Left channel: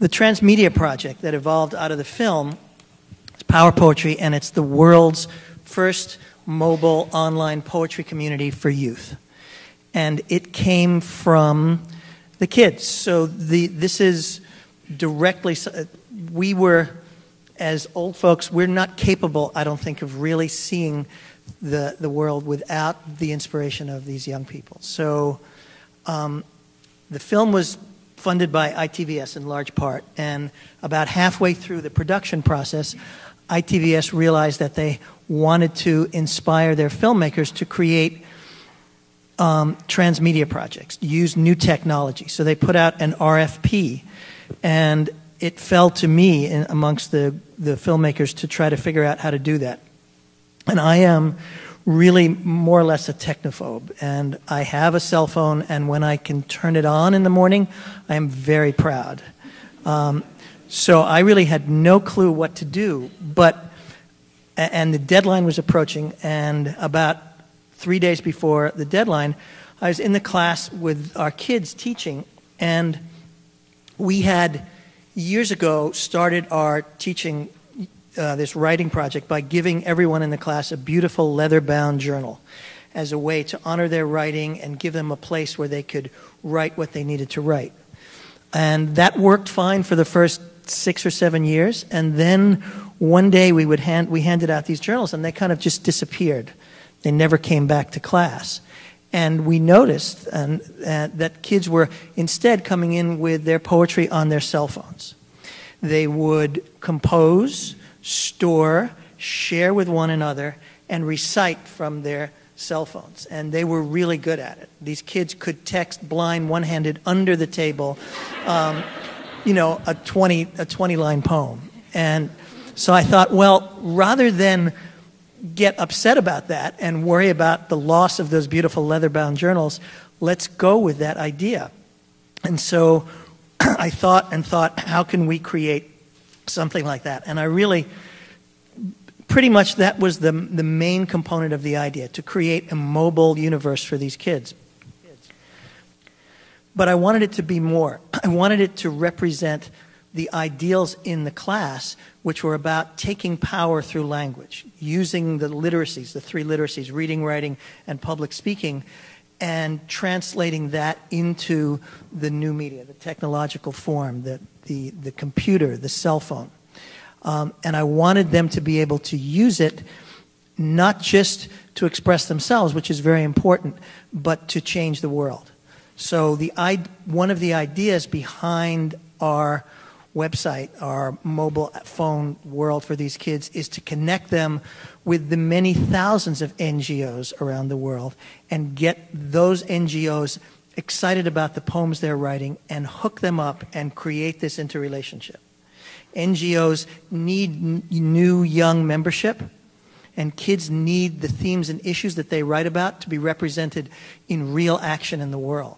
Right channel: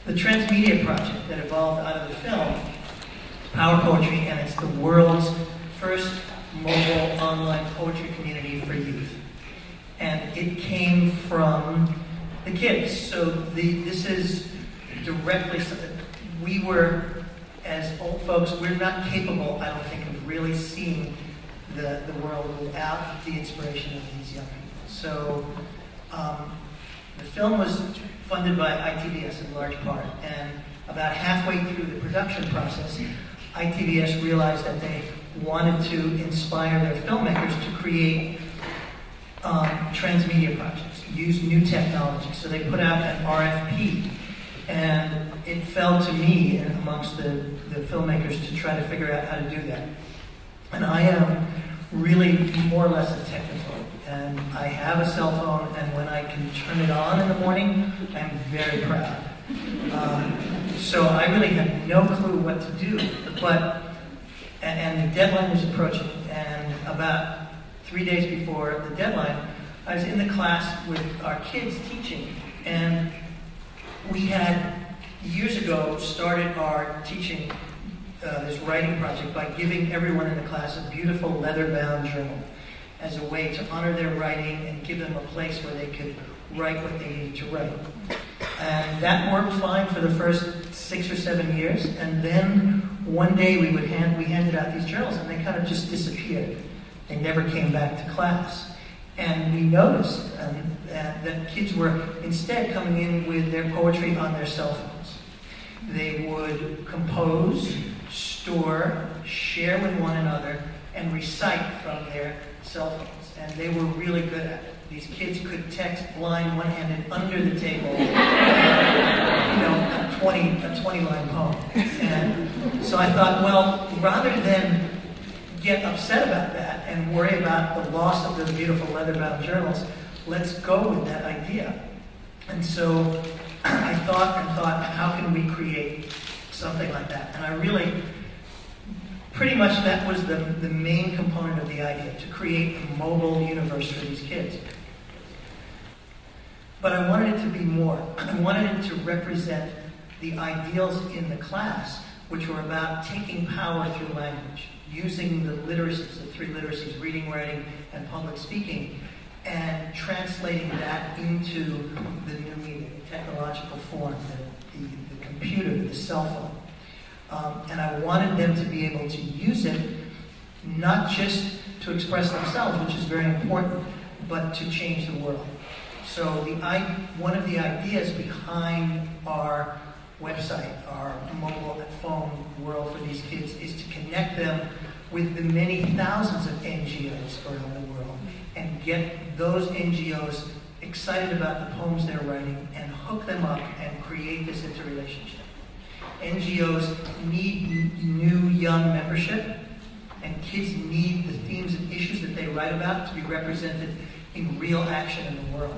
The Transmedia project that evolved out of the film, Power Poetry, and it's the world's first mobile online poetry community for youth. And it came from the kids. So this is directly, we were, as old folks, we're not capable, I don't think, of really seeing the world without the inspiration of these young people. So the film was funded by ITVS in large part, and about halfway through the production process, ITVS realized that they wanted to inspire their filmmakers to create transmedia projects, use new technology. So they put out an RFP, and it fell to me amongst the filmmakers to try to figure out how to do that. And I am really more or less a technophobe, and I have a cell phone, and when I can turn it on in the morning, I am very proud. So I really had no clue what to do, and the deadline was approaching, and about 3 days before the deadline, I was in the class with our kids teaching, and we had years ago started our teaching this writing project by giving everyone in the class a beautiful leather-bound journal as a way to honor their writing and give them a place where they could write what they needed to write. And that worked fine for the first 6 or 7 years, and then one day we handed out these journals, and they kind of just disappeared. They never came back to class. And we noticed that kids were instead coming in with their poetry on their cell phones. They would compose, store, share with one another, and recite from their cell phones. And they were really good at it. These kids could text blind, one-handed, under the table, you know, a 20-line poem. And so I thought, well, rather than get upset about that and worry about the loss of those beautiful leather-bound journals, let's go with that idea. And so I thought, how can we create something like that? And I really, pretty much that was the main component of the idea, to create a mobile universe for these kids. But I wanted it to be more. I wanted it to represent the ideals in the class, which were about taking power through language, using the literacies, the 3 literacies, reading, writing, and public speaking, and translating that into the new media, technological form, the computer, the cell phone. And I wanted them to be able to use it not just to express themselves, which is very important, but to change the world. So one of the ideas behind our website, our mobile phone world for these kids, is to connect them with the many thousands of NGOs around the world and get those NGOs excited about the poems they're writing and hook them up and create this interrelationship. NGOs need new young membership, and kids need the themes and issues that they write about to be represented in real action in the world.